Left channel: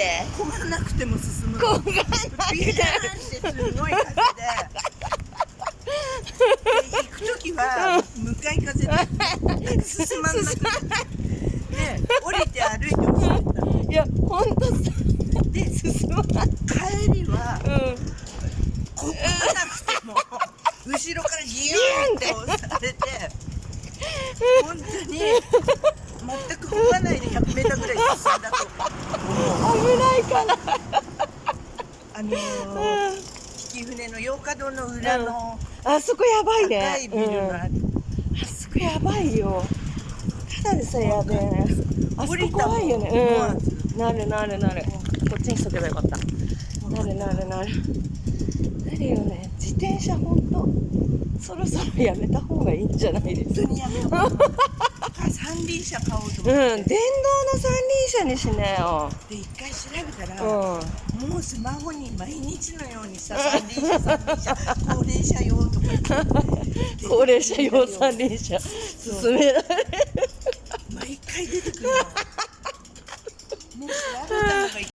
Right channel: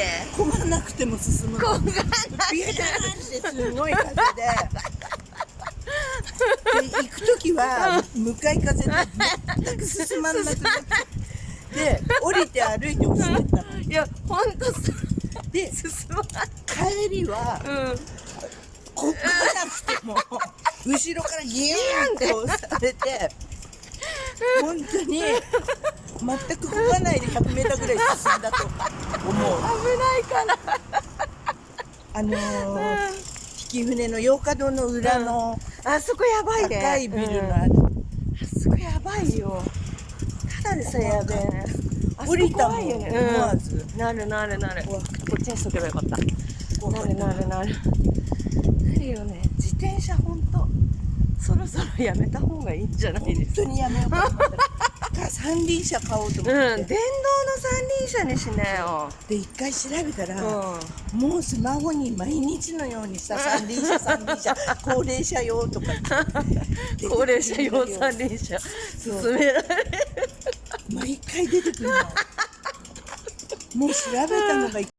て。漕がなくても進むの。こがなくて。ビャーンってすごい風で。で行く時は向かい風で進まんなくなってで降りて歩いて走ってったの。いや、ほんとさ、で進まない。帰りは漕がなくても後ろからギューンって押されて本当に全く漕がないで100メーターぐらい進んだと思う。危ないから。引船の洋華堂の裏のあそこやばいね。高いビルのあそこやばいよ。ただでさえやべえね。あそこ怖いよね。思わずなるなるなる。こっちにしとけばよかった。なるなるなる。なるよね。自転車ほんとそろそろやめた方がいいんじゃないですか。本当にやめようと思って三輪車買おうと思って、電動の三輪車にしなよ。で一回調べたら、うん。もうスマホに毎日のようにさ三輪車高齢者用とか高齢者用三輪車勧められる。毎回出てくるのもう調べたのが